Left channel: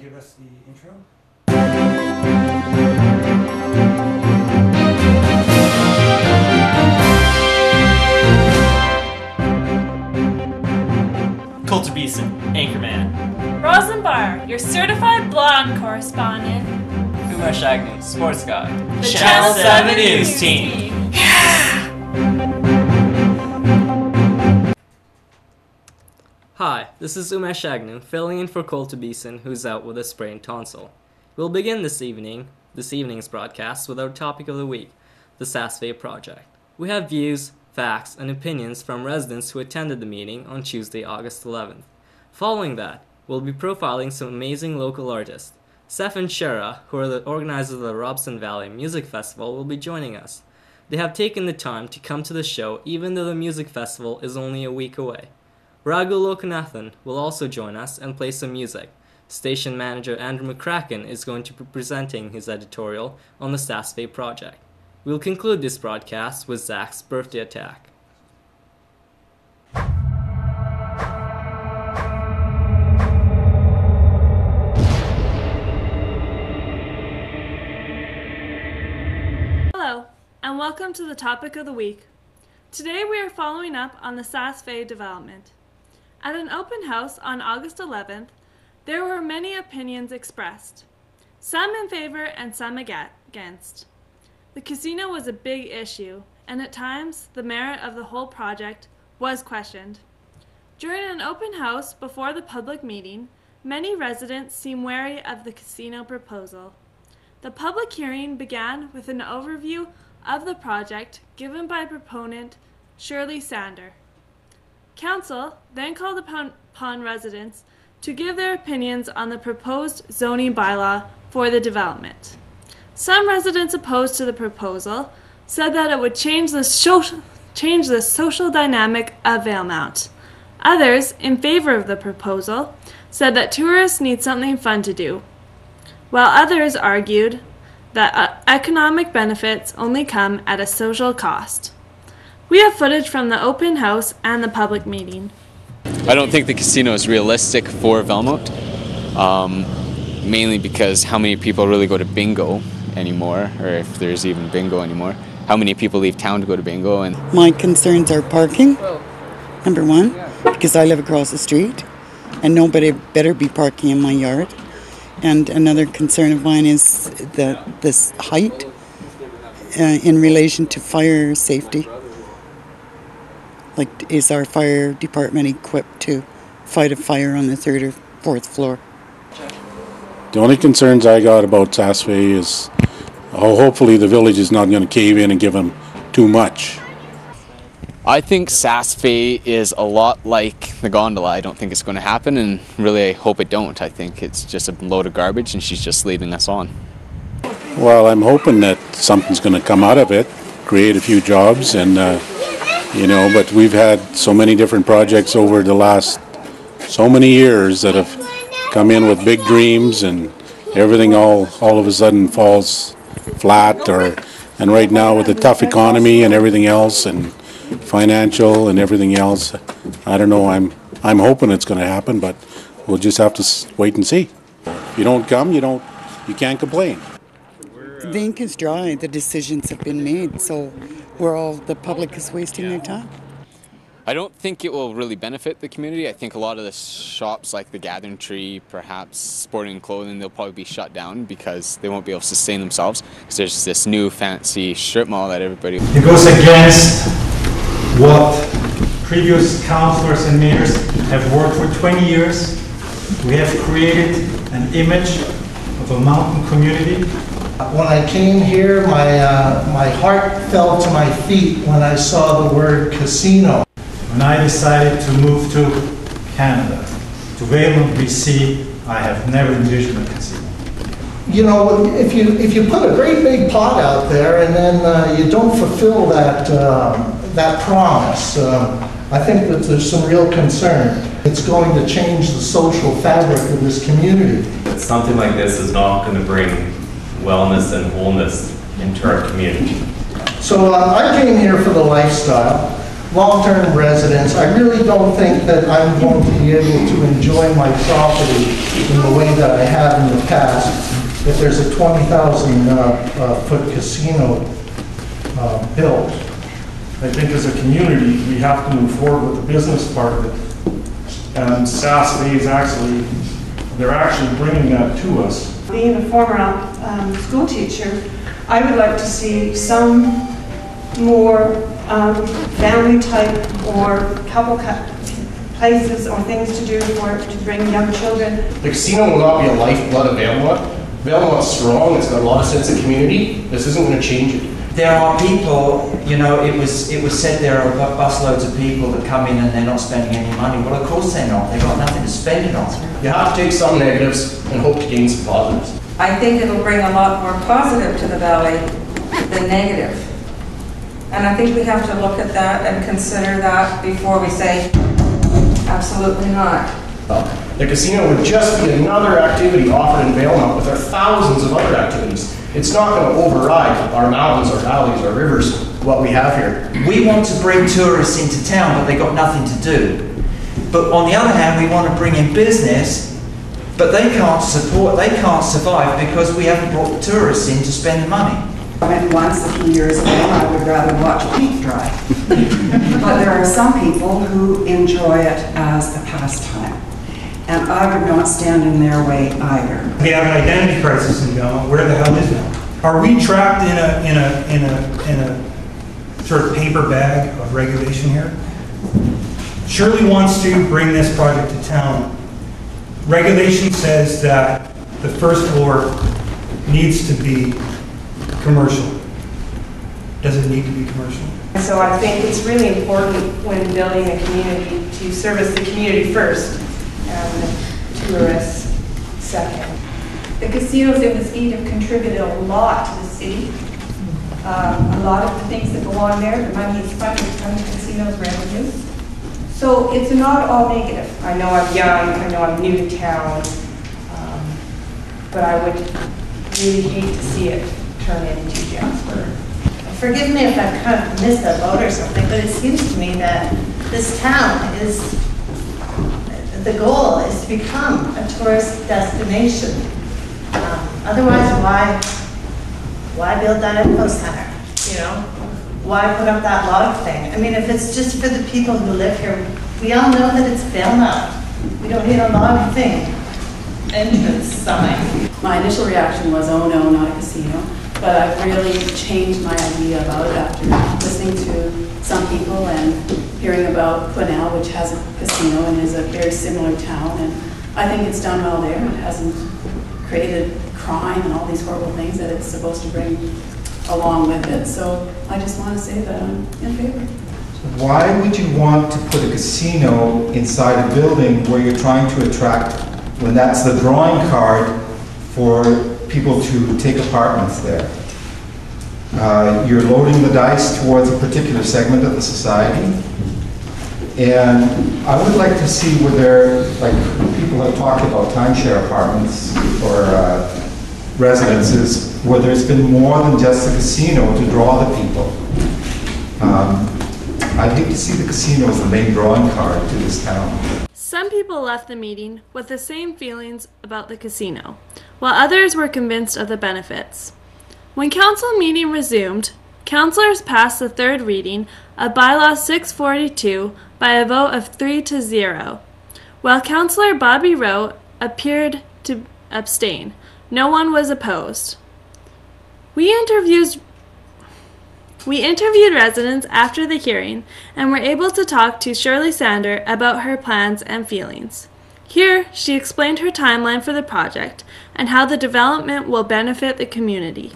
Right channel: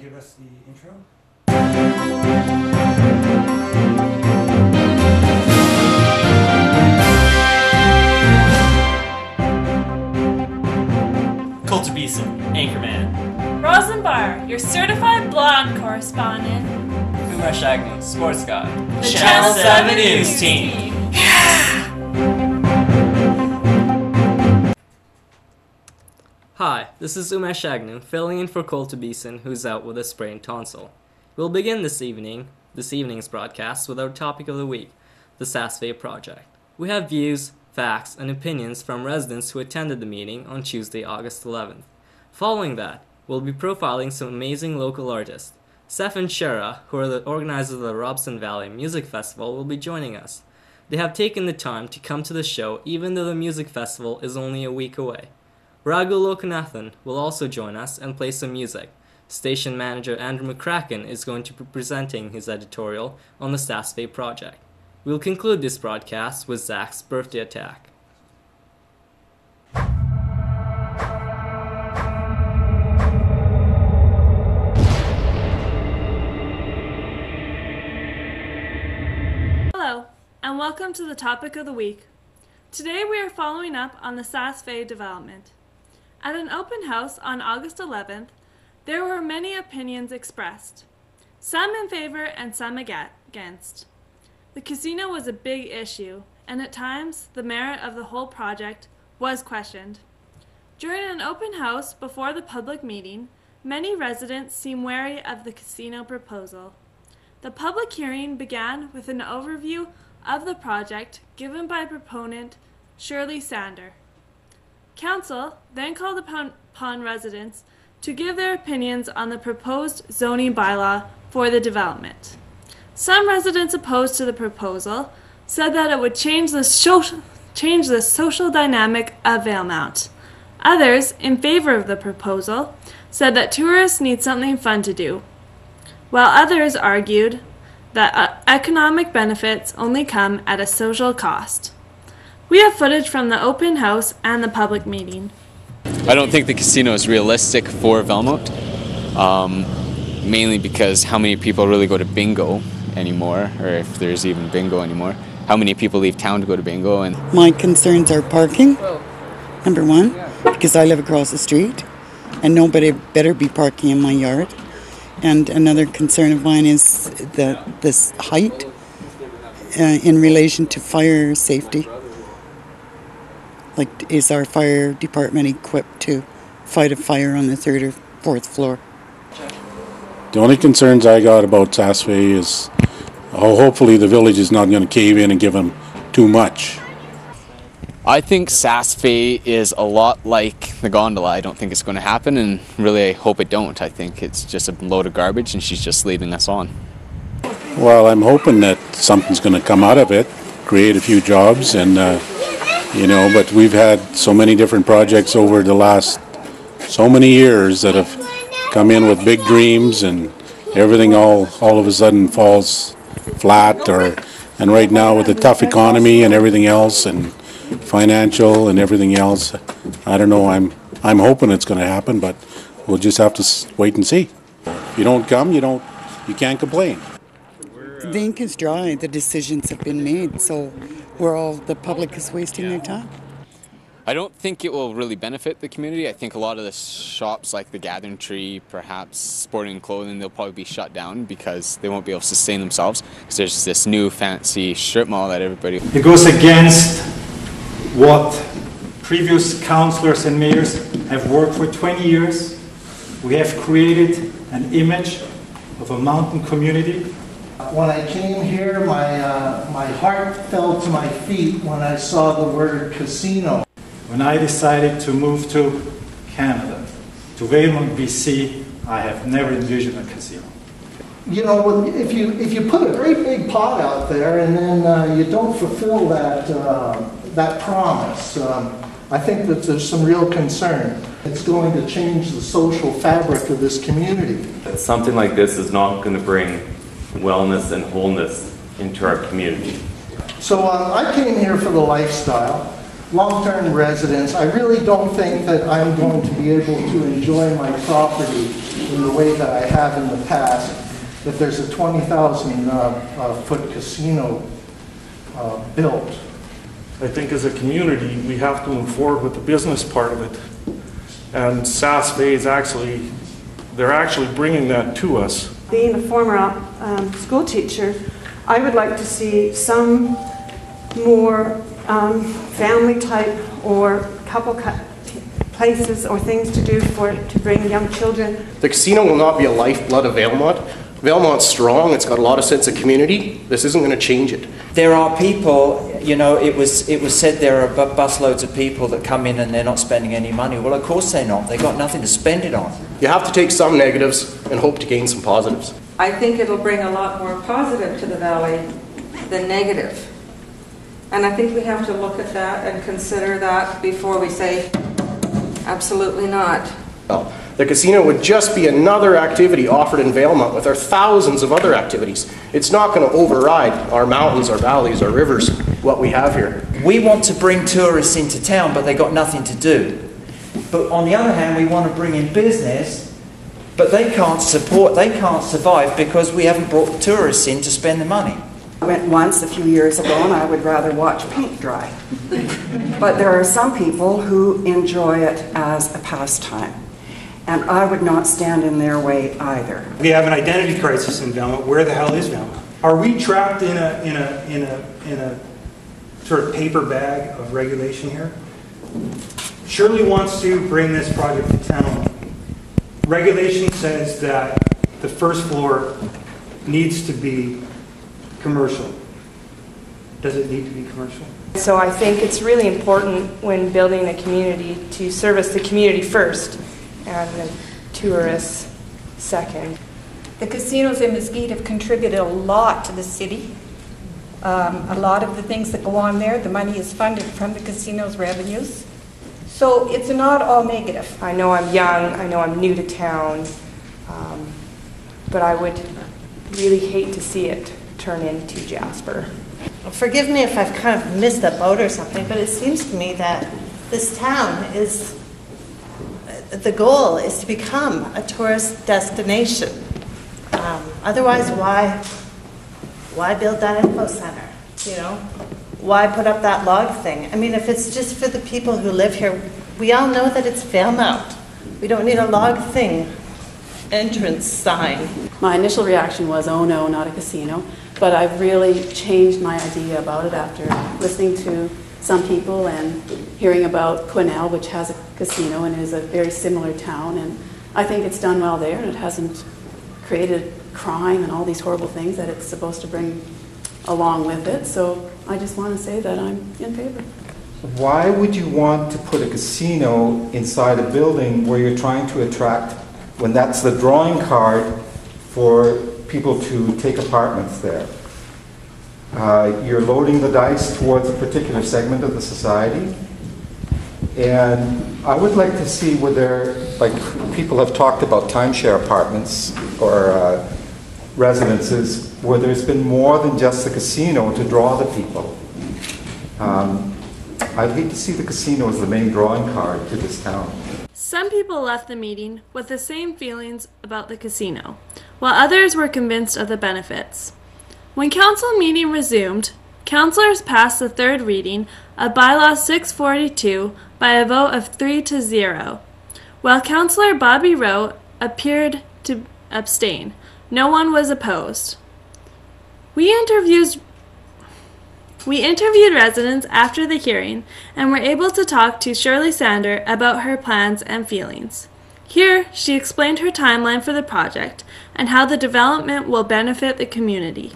Give us the intro. Coulter Beeson, Anchorman. Rosenbar, your certified blonde correspondent. Umesh Agnew, Sports Guy. The Channel 7 News Team. Hi, this is Umesh Agnew, filling in for Coulter Beeson, who's out with a sprained tonsil. We'll begin this evening's broadcast with our topic of the week, the SAS Fade project. We have views, facts, and opinions from residents who attended the meeting on Tuesday, August 11th. Following that, we'll be profiling some amazing local artists. Seth and Shara, who are the organizers of the Robson Valley Music Festival, will be joining us. They have taken the time to come to the show even though the music festival is only a week away. Raghu Lokanathan will also join us and play some music. Station manager Andrew McCracken is going to be presenting his editorial on the SAS Fade project. We'll conclude this broadcast with Zach's birthday attack. Hello, and welcome to the topic of the week. Today we are following up on the SAS Fade development. At an open house on August 11th, there were many opinions expressed, some in favor and some against. The casino was a big issue, and at times the merit of the whole project was questioned. During an open house before the public meeting, many residents seemed wary of the casino proposal. The public hearing began with an overview of the project given by proponent Shirley Sander. Council then called upon residents to give their opinions on the proposed zoning bylaw for the development. Some residents opposed to the proposal said that it would change the social dynamic of Valemount. Others, in favor of the proposal, said that tourists need something fun to do, while others argued that economic benefits only come at a social cost. We have footage from the open house and the public meeting. I don't think the casino is realistic for Valemount, mainly because how many people really go to bingo anymore, or if there's even bingo anymore. How many people leave town to go to bingo? And my concerns are parking, number one, because I live across the street and nobody better be parking in my yard. And another concern of mine is this height in relation to fire safety. Like, is our fire department equipped to fight a fire on the third or fourth floor? The only concerns I got about SAS Fade is hopefully the village is not going to cave in and give them too much. I think SAS Fade is a lot like the gondola. I don't think it's going to happen, and really I hope it don't. I think it's just a load of garbage and she's just leaving us on. Well, I'm hoping that something's going to come out of it, create a few jobs, and but we've had so many different projects over the last so many years that have come in with big dreams, and everything all of a sudden falls flat. And right now with the tough economy and everything else, and financial and everything else, I don't know. I'm hoping it's going to happen, but we'll just have to wait and see. If you don't come, you can't complain. The ink is dry. The decisions have been made, so the public is wasting their time. I don't think it will really benefit the community. I think a lot of the shops like the Gathering Tree, perhaps sporting clothing, they'll probably be shut down because they won't be able to sustain themselves because there's this new fancy strip mall that everybody... It goes against what previous councillors and mayors have worked for 20 years. We have created an image of a mountain community. When I came here, my heart fell to my feet when I saw the word casino. When I decided to move to Canada, to Valemount, BC, I have never envisioned a casino. You know, if you put a great big pot out there and then you don't fulfill that promise, I think that there's some real concern. It's going to change the social fabric of this community. Something like this is not going to bring wellness and wholeness into our community. So I came here for the lifestyle. long-term residents, I really don't think that I'm going to be able to enjoy my property in the way that I have in the past if there's a 20,000 foot casino built. I think as a community, we have to move forward with the business part of it. And SAS Fade they're actually bringing that to us. Being a former school teacher, I would like to see some more family type or couple places or things to do to bring young children. The casino will not be a lifeblood of Valemount. Valemount's strong, it's got a lot of sense of community. This isn't going to change it. There are people, you know, it was said there are busloads of people that come in and they're not spending any money. Well, of course they're not. They've got nothing to spend it on. You have to take some negatives and hope to gain some positives. I think it'll bring a lot more positive to the valley than negative. And I think we have to look at that and consider that before we say, absolutely not. The casino would just be another activity offered in Valemount with our thousands of other activities. It's not going to override our mountains, our valleys, our rivers, what we have here. We want to bring tourists into town, but they've got nothing to do. But on the other hand, we want to bring in business, but they can't survive because we haven't brought the tourists in to spend the money. I went once a few years ago and I would rather watch paint dry. But there are some people who enjoy it as a pastime. And I would not stand in their way either. We have an identity crisis in Valemount. Where the hell is Valemount? Are we trapped in a sort of paper bag of regulation here? Shirley wants to bring this project to town. Regulation says that the first floor needs to be commercial. Does it need to be commercial? So I think it's really important when building a community to service the community first and the tourists second. The casinos in Mesquite have contributed a lot to the city. A lot of the things that go on there, the money is funded from the casino's revenues. So it's not all negative. I know I'm young, I know I'm new to town, but I would really hate to see it turn into Jasper. Forgive me if I've kind of missed a boat or something, but it seems to me that this town is, the goal is to become a tourist destination. Otherwise, why build that info center? You know, why put up that log thing? I mean, if it's just for the people who live here, we all know that it's Valemount. We don't need a log thing entrance sign. My initial reaction was, oh no, not a casino. But I've really changed my idea about it after listening to some people and hearing about Quesnel, which has a casino and is a very similar town. And I think it's done well there, and it hasn't created crime and all these horrible things that it's supposed to bring along with it. So I just want to say that I'm in favor. Why would you want to put a casino inside a building where you're trying to attract, when that's the drawing card for people to take apartments there? You're loading the dice towards a particular segment of the society. And I would like to see whether, like, people have talked about timeshare apartments or residences where there's been more than just the casino to draw the people. I'd hate to see the casino as the main drawing card to this town. Some people left the meeting with the same feelings about the casino, while others were convinced of the benefits. When council meeting resumed, councillors passed the third reading of Bylaw 642 by a vote of 3-0, while Councillor Bobby Rowe appeared to abstain. No one was opposed. We interviewed residents after the hearing and were able to talk to Shirley Sander about her plans and feelings. Here, she explained her timeline for the project and how the development will benefit the community.